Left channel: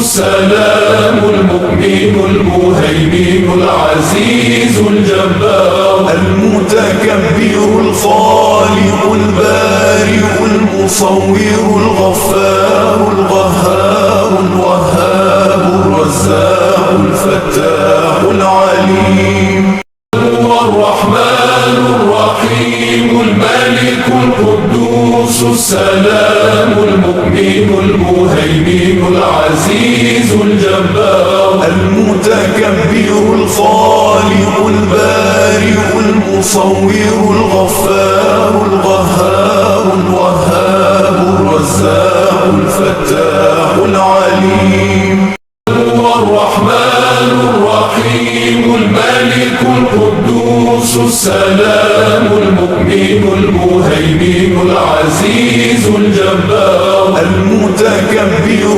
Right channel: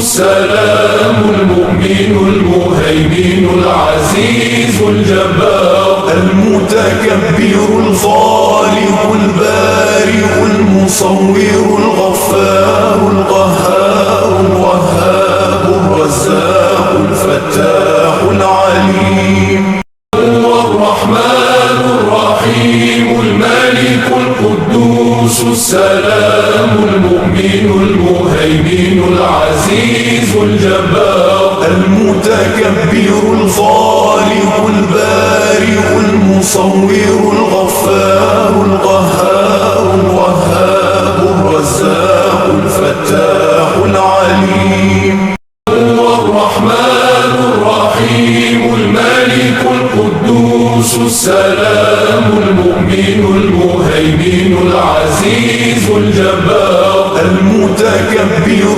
السلام المؤمن المهيمن العزيز الجبار المتكبر الخالق البارئ المصور الغفار القهار الوهاب الرزاق الفتاح العليم هو الرحمن الرحيم الملك القدوس السلام المؤمن المهيمن العزيز الجبار المتكبر الخالق البارئ المصور الغفار القهار الوهاب الرزاق الفتاح العليم هو الرحمن الرحيم الملك القدوس السلام المؤمن المهيمن العزيز الجبار المتكبر